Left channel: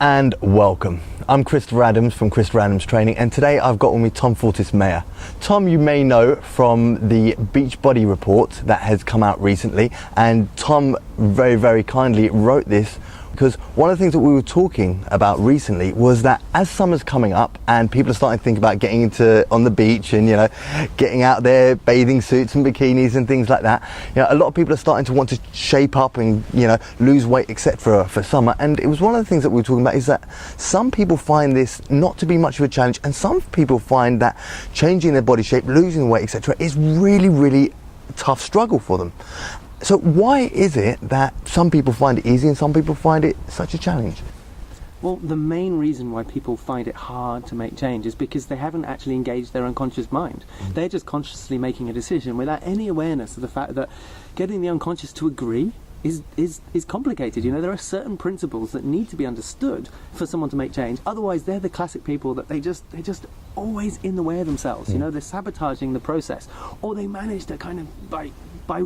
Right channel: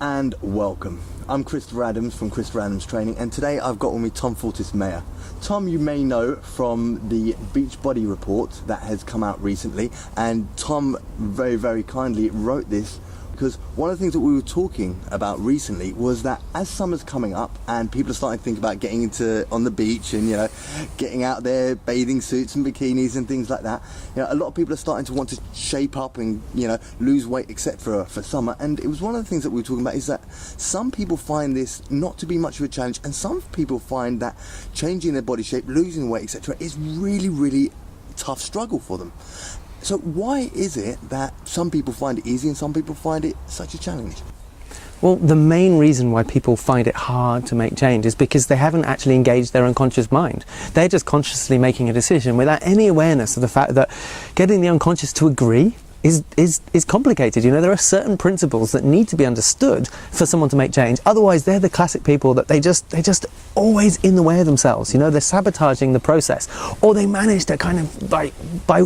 and welcome. I'm Christopher Adams from Christopher Adams Training, and today I've got with me Tom Fortis-Mayer. Tom, you may know from the Beachbody report that has come out recently, and Tom very, very kindly wrote this because one of the things that we were talking about recently was that as summer's coming up and people are starting to think about getting on the beach and, getting out there, bathing suits and bikinis and things like that, a lot of people are starting to want to shape up and, lose weight, etc. for summer. And it was one of the things that we were talking about is that some people find this not to be much of a challenge, and some people find that changing their body shape, losing weight, etc. is really, really tough struggle for them. So why is it that some people find it easy and some people find it such a challenge? Well, the main reason why people find it hard to make change is because they haven't actually engaged their unconscious mind. They're just consciously making a decision without any awareness of the fact that getting the unconscious to agree is complicated. There are certain principles that need to be understood for someone to make change. Otherwise, they're the classic people that they're just always in the way of themselves. They're sabotaging the process, or they manage to kind of by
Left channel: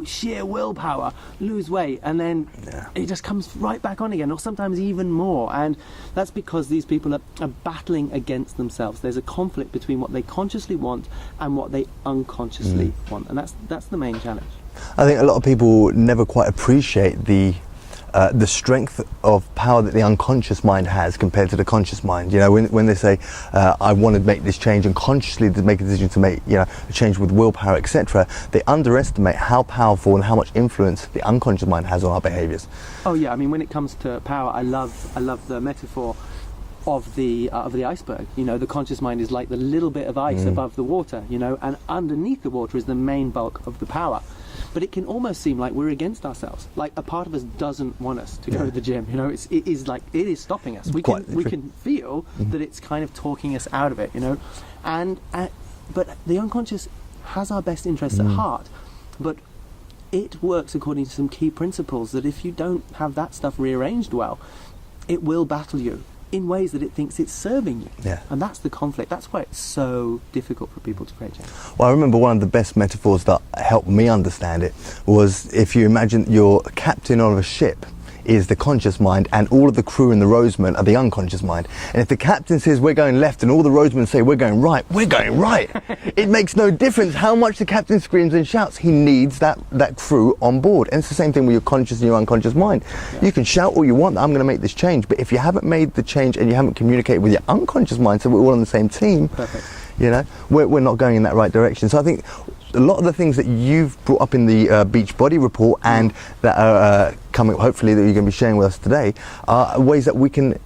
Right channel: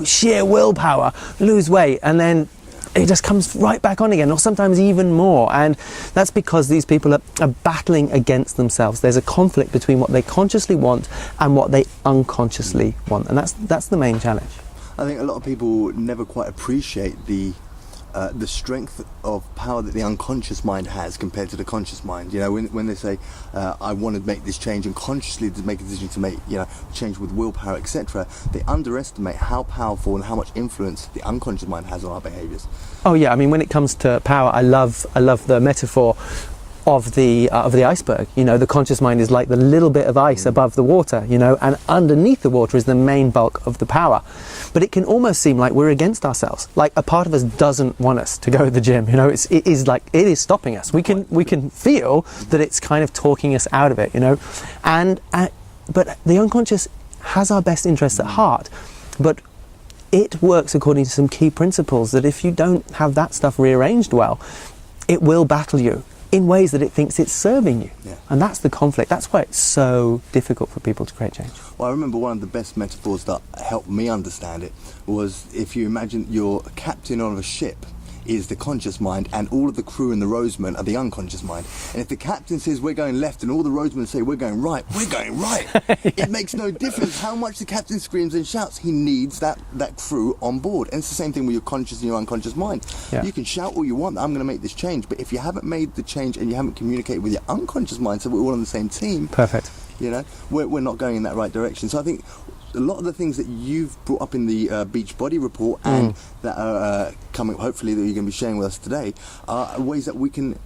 sheer willpower lose weight, and then it just comes right back on again, or sometimes even more. And that's because these people are battling against themselves. There's a conflict between what they consciously want and what they unconsciously want, and that's the main challenge. I think a lot of people never quite appreciate the strength of power that the unconscious mind has compared to the conscious mind. When they say, I want to make this change, and consciously to make a decision to make a change with willpower, etc., they underestimate how powerful and how much influence the unconscious mind has on our behaviours. Oh yeah, I mean, when it comes to power, I love the metaphor of the iceberg. The conscious mind is like the little bit of ice above the water, and underneath the water is the main bulk of the power. But it can almost seem like we're against ourselves. Like a part of us doesn't want us to go to the gym. It is stopping us. We can feel that it's kind of talking us out of it. But the unconscious has our best interests at heart. But it works according to some key principles that if you don't have that stuff rearranged well, it will battle you in ways that it thinks it's serving you. Yeah. And that's the conflict. That's why it's so difficult for people to create change. Well, I remember one of the best metaphors that helped me understand it was if you imagine you're captain of a ship is the conscious mind, and all of the crew and the rowsmen are the unconscious mind. And if the captain says we're going left and all the rowsmen say we're going right, it makes no difference how much the captain screams and shouts. He needs that crew on board. And it's the same thing with your conscious and your unconscious mind. Yeah. You can shout all you want, I'm going to make this change, but if you haven't made the change and you haven't communicated with your unconscious mind, so we're all on the same team. Perfect. We're not going in that right direction. So I think a lot of the things that you've brought up in the Beachbody report and that are coming, hopefully, that you're going to be sharing with us today, are ways that we can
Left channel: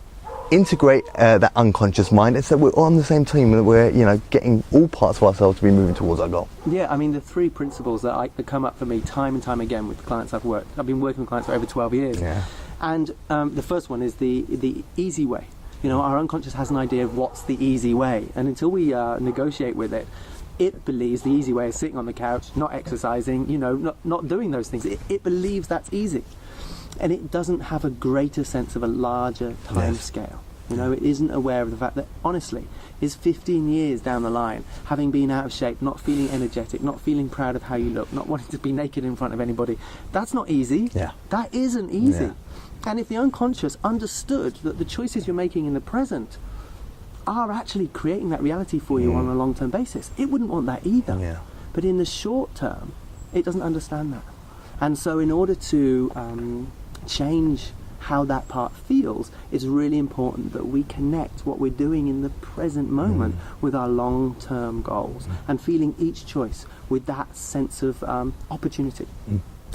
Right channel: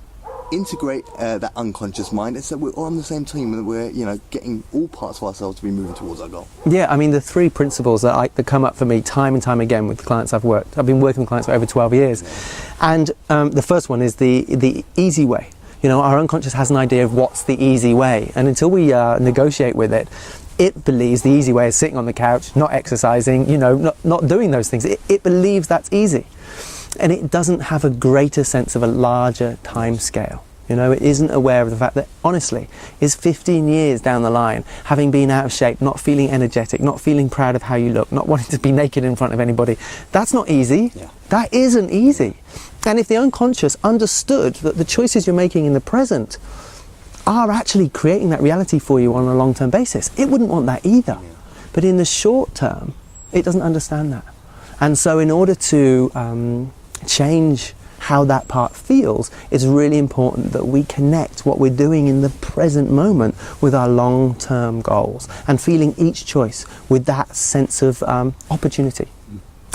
integrate that unconscious mind, and so we're all on the same team, and we're getting all parts of ourselves to be moving towards our goal. Yeah, I mean, the three principles that come up for me time and time again with the clients I've been working with clients for over 12 years. Yeah. And the first one is the easy way. Our unconscious has an idea of what's the easy way, and until we negotiate with it, it believes the easy way is sitting on the couch, not exercising, not doing those things. It believes that's easy. And it doesn't have a greater sense of a larger time scale. It isn't aware of the fact that, honestly, is 15 years down the line, having been out of shape, not feeling energetic, not feeling proud of how you look, not wanting to be naked in front of anybody, that's not easy. Yeah. That isn't easy. Yeah. And if the unconscious understood that the choices you're making in the present are actually creating that reality for you on a long-term basis, it wouldn't want that either. Yeah. But in the short term, it doesn't understand that. And so in order to change how that part feels, it's really important that we connect what we're doing in the present moment with our long-term goals, and feeling each choice with that sense of opportunity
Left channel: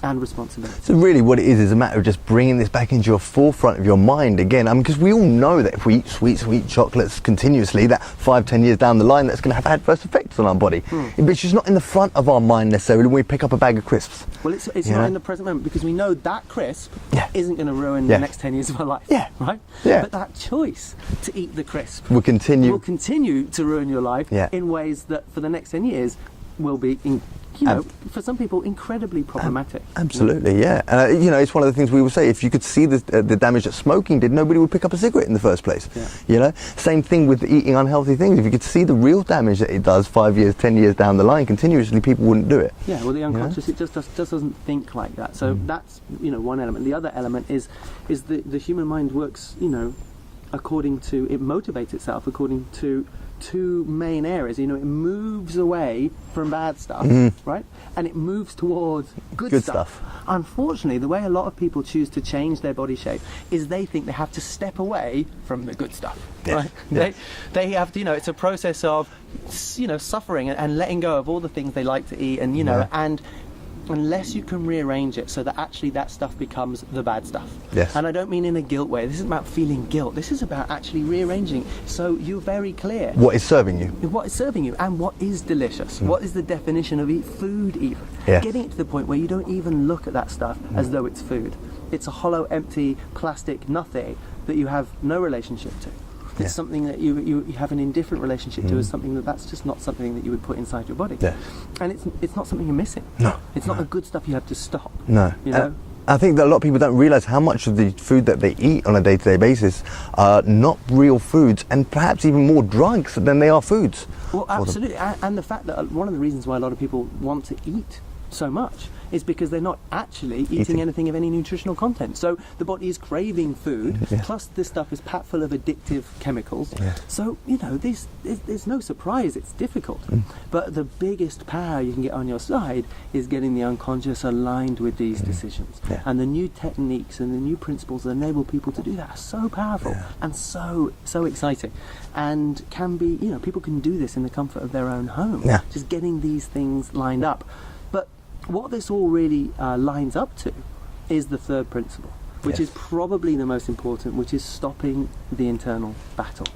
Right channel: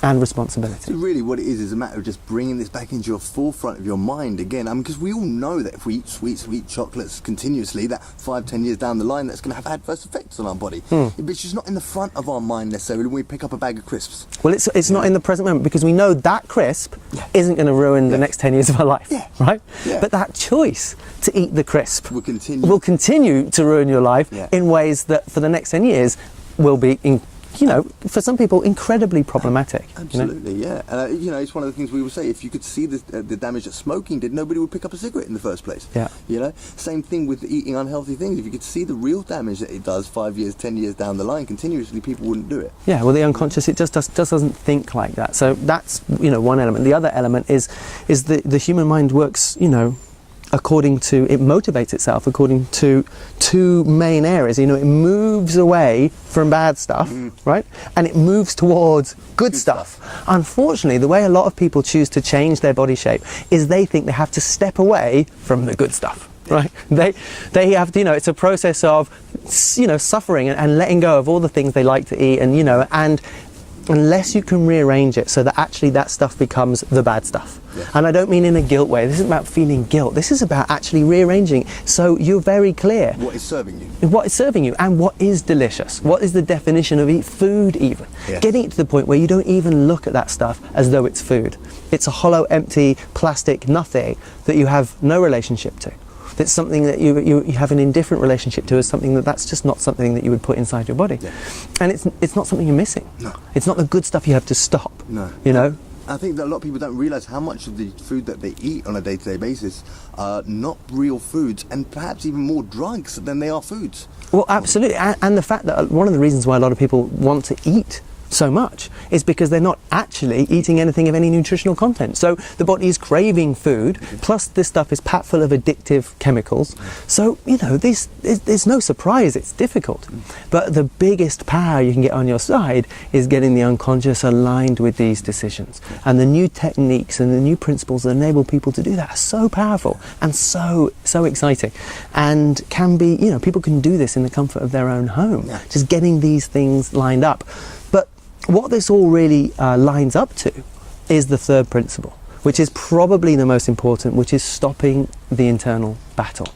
and responsibility. So really what it is a matter of just bringing this back into your forefront of your mind again. Because we all know that if we eat sweet chocolates continuously, that 5-10 years down the line, that's going to have adverse effects on our body. But it's just not in the front of our mind necessarily when we pick up a bag of crisps. Well, it's not in the present moment, because we know that crisp isn't going to ruin the next 10 years of our life. Yeah. Right? Yeah. But that choice to eat the crisp will continue to ruin your life in ways that for the next 10 years will be for some people, incredibly problematic. Absolutely, yeah. It's one of the things we would say, if you could see the damage that smoking did, nobody would pick up a cigarette in the first place. Yeah. Same thing with eating unhealthy things. If you could see the real damage that it does 5 years, 10 years down the line, continuously, people wouldn't do it. Yeah, well, the unconscious, it just doesn't think like that. So that's, one element. The other element is the human mind works, it motivates itself according to two main areas. You know, it moves away from bad stuff, right? And it moves towards good stuff. Unfortunately, the way a lot of people choose to change their body shape is they think they have to step away from the good stuff. Yeah. Right? They have to, you know, it's a process of, you know, suffering and letting go of all the things they like to eat, and, you know, and unless you can rearrange it so that actually that stuff becomes the bad stuff. Yes. And I don't mean in a guilt way. This isn't about feeling guilt. This is about actually rearranging so you're very clear. What is serving you? What is serving you and what is delicious. What is the definition of food even. Yes. Getting it to the point where you don't even look at that stuff as though it's food. It's a hollow, empty, plastic nothing that you have no relationship to. It's something that you have an indifferent relationship to, as something that's just not something that you would put inside your body. Yeah. And it's not something you're missing. No. It's not the good stuff you have to stop. No. You know? I think that a lot of people don't realise how much of the food that they eat on a day-to-day basis are not real foods, and perhaps even more drugs than they are foods. Well, absolutely. And the fact that one of the reasons why a lot of people want to eat so much is because they're not actually eating anything of any nutritional content. So the body is craving food, plus this stuff is packed full of addictive chemicals. So, you know, there's no surprise it's difficult. But the biggest power you can get on your side is getting the unconscious aligned with these decisions. And the new techniques and the new principles that enable people to do that are so powerful and so exciting, and can be, you know, people can do this in the comfort of their own home, just getting these things lined up. But what this all really lines up to is the third principle, which is probably the most important, which is stopping the internal battle.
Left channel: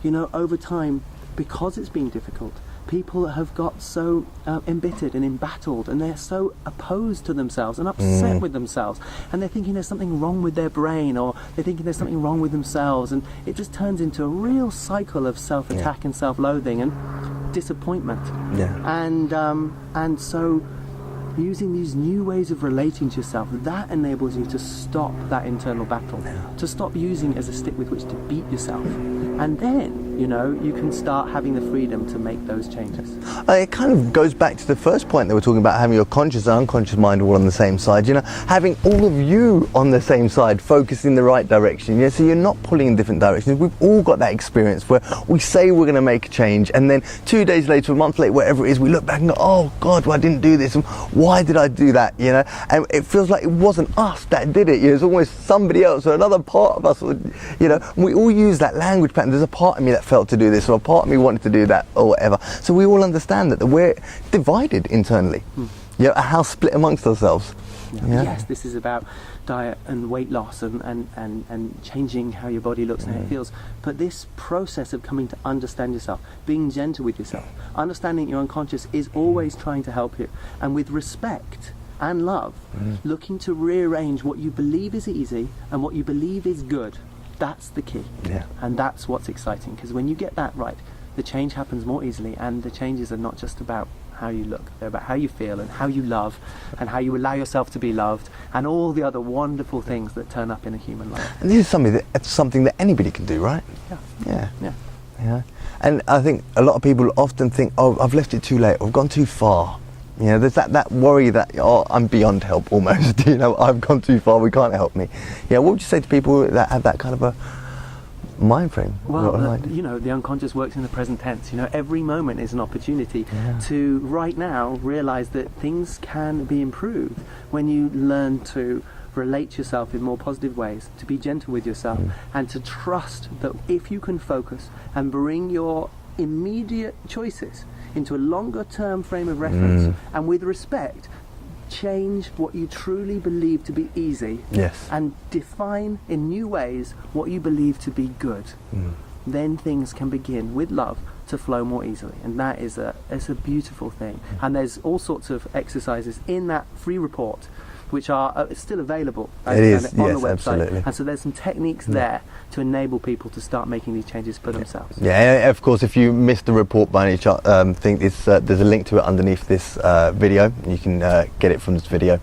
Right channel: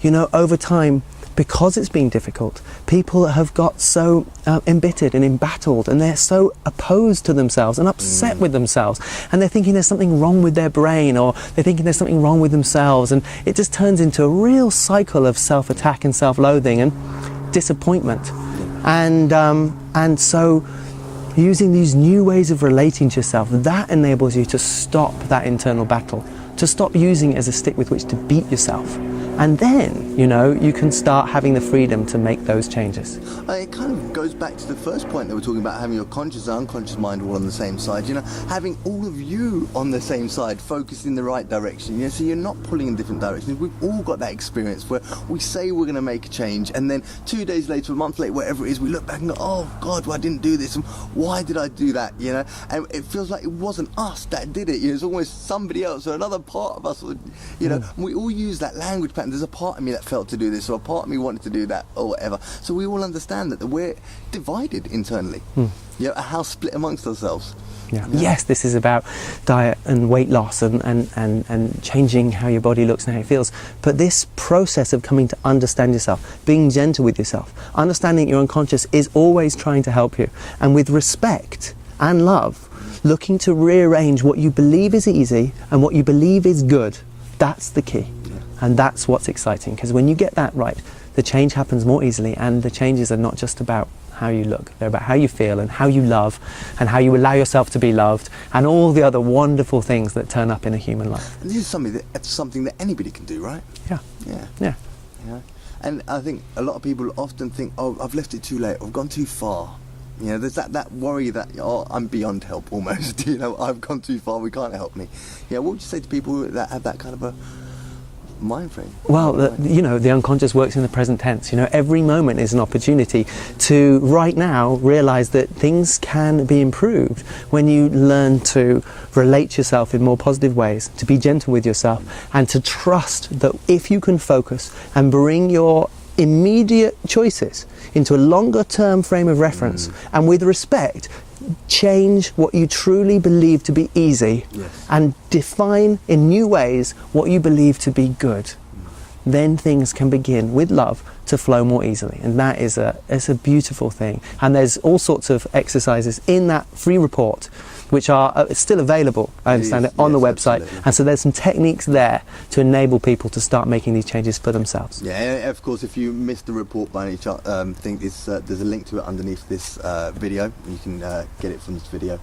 You know, over time, because it's been difficult, people have got so embittered and embattled, and they're so opposed to themselves and upset with themselves, and they're thinking there's something wrong with their brain, or they're thinking there's something wrong with themselves, and it just turns into a real cycle of self-attack and self-loathing and disappointment. And so using these new ways of relating to yourself, that enables you to stop that internal battle, to stop using it as a stick with which to beat yourself. And then, you know, you can start having the freedom to make those changes. It kind of goes back to the first point that we're talking about, having your conscious and unconscious mind all on the same side, you know, having all of you on the same side, focused in the right direction, so you're not pulling in different directions. We've all got that experience where we say we're going to make a change, and then 2 days later, a month later, whatever it is, we look back and go, oh God, well, I didn't do this, and why did I do that, you know? And it feels like it wasn't us that did it, you know, it's almost somebody else or another part of us, you know, and we all use that language pattern. There's a part of me that felt to do this, or a part of me wanted to do that, or whatever. So we all understand that we're divided internally. You know, a house split amongst ourselves. Yes, this is about diet and weight loss and changing how your body looks and how it feels. But this process of coming to understand yourself, being gentle with yourself, understanding your unconscious is always trying to help you. And with respect and love, looking to rearrange what you believe is easy and what you believe is good. That's the key. And that's what's exciting, because when you get that right, the change happens more easily, and the changes are not just about how you look, they're about how you feel and how you love and how you allow yourself to be loved, and all the other wonderful things that turn up in a human life. And this is something that anybody can do, right? Yeah. You know? And I think a lot of people often think, oh, I've left it too late, or I've gone too far. You know, there's that worry that, oh, I'm beyond help almost, you know, I've gone too far, we can't help me. Yeah, what would you say to people that have that kind of a mind frame? Well, you know, the unconscious works in the present tense. You know, every moment is an opportunity to, right now, realise that things can be improved when you learn to relate to yourself in more positive ways, to be gentle with yourself, and to trust that if you can focus and bring your immediate choices into a longer term frame of reference, and with respect, change what you truly believe to be easy, and define in new ways what you believe to be good, then things can begin with love to flow more easily. And that is it's a beautiful thing. And there's all sorts of exercises in that free report which are still available, I understand it, on the website. Absolutely. And so there's some techniques there to enable people to start making these changes for themselves. Yeah, and of course, if you missed the report by any chance, there's a link to it underneath this video. You can get it from this video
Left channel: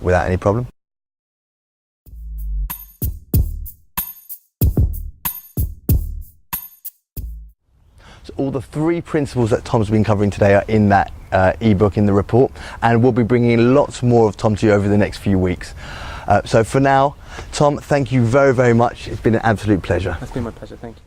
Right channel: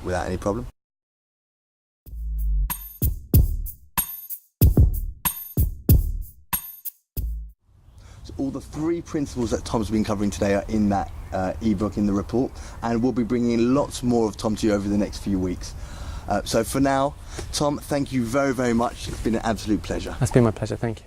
without any problem. So all the 3 principles that Tom's been covering today are in that ebook, in the report, and we'll be bringing lots more of Tom to you over the next few weeks. So for now, Tom, thank you very, very much. It's been an absolute pleasure. That's been my pleasure. Thank you.